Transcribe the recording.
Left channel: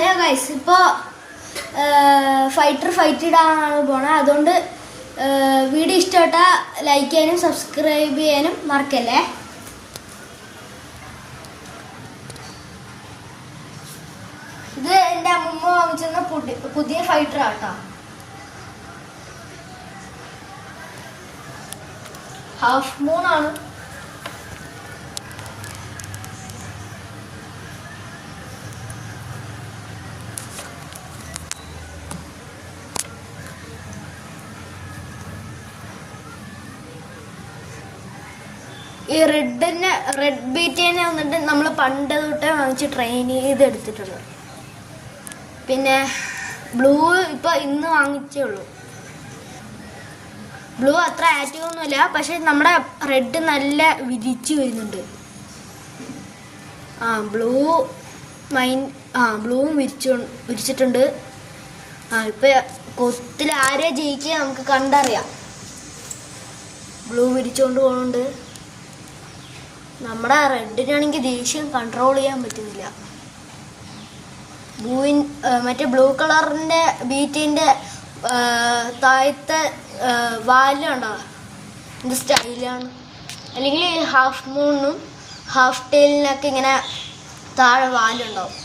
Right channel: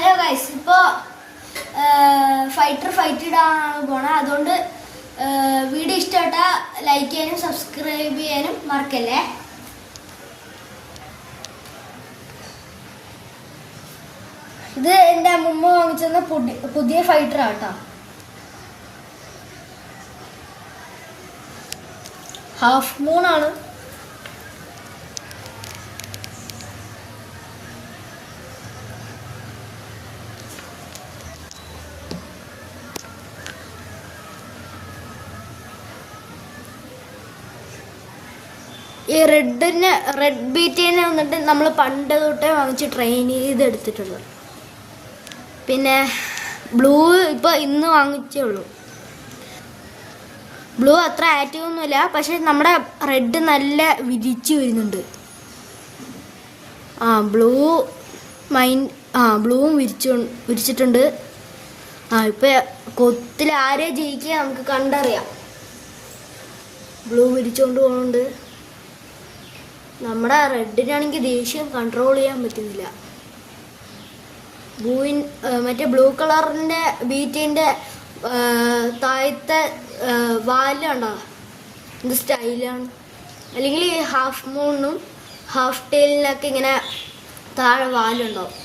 Hello guys, ഇപ്പോൾ fight ഇടാനാണ് പോണത്. അതുകൊണ്ട് വീഡിയോ ഇഷ്ടപ്പെട്ടാൽ ലൈക്ക് ചെയ്യാനും സബ്സ്ക്രൈബ് ചെയ്യാനും മറക്കല്ലേ. ഇത് എൻ്റെ അമ്മൂമ്മ വാങ്ങിച്ചെന്ന പുതിയ ഫൈറ്റർ ആട്ടോ. ഹാഫ് മൂണാണ്. ഈ റെഡ് ബീറ്റിനെ വന്നിട്ട് നമ്മൾ പണ്ട് തൊട്ടേ വാങ്ങിച്ച് ട്രെയിൻ ചെയ്തെടുത്തിട്ടുണ്ട്. പിന്നെ ബ്ലൂ ഇപ്പോൾ ഇന്ന് വാങ്ങിച്ചേ ഉള്ളൂ. ബ്ലൂ അത്ര ആക്റ്റീവ് ഒന്നുമില്ല, പക്ഷെ നമ്മുടെ റെഡ് നല്ല വിരിച്ച് വരുന്നുണ്ട്. ബ്ലൂവും വിരിച്ചിട്ടുണ്ട്. ഇപ്പോൾ കൊത്തിൽ ആരെ ജയിക്കുക നമുക്ക് കണ്ടറിയാം. ബ്ലൂ വിരിച്ചുകൊണ്ട് പോകുന്നുണ്ട്. നമ്മുടെ റെഡിനാണെങ്കിൽ ദേഷ്യം കൺട്രോൾ ചെയ്യാൻ പറ്റുന്നില്ല. മറ്റേ ബ്ലൂ കളറിൻ്റെ ബീറ്റിൻ്റെ താഴത്തെ വാലുണ്ടാവുക എന്ത് സ്റ്റൈലാണ്. അല്ലെങ്കിൽ ഹാഫ് മൂണും ഹാഫ് ടെയിലിനൊക്കെ ഇങ്ങനെ താഴെ വാലുണ്ടാവും.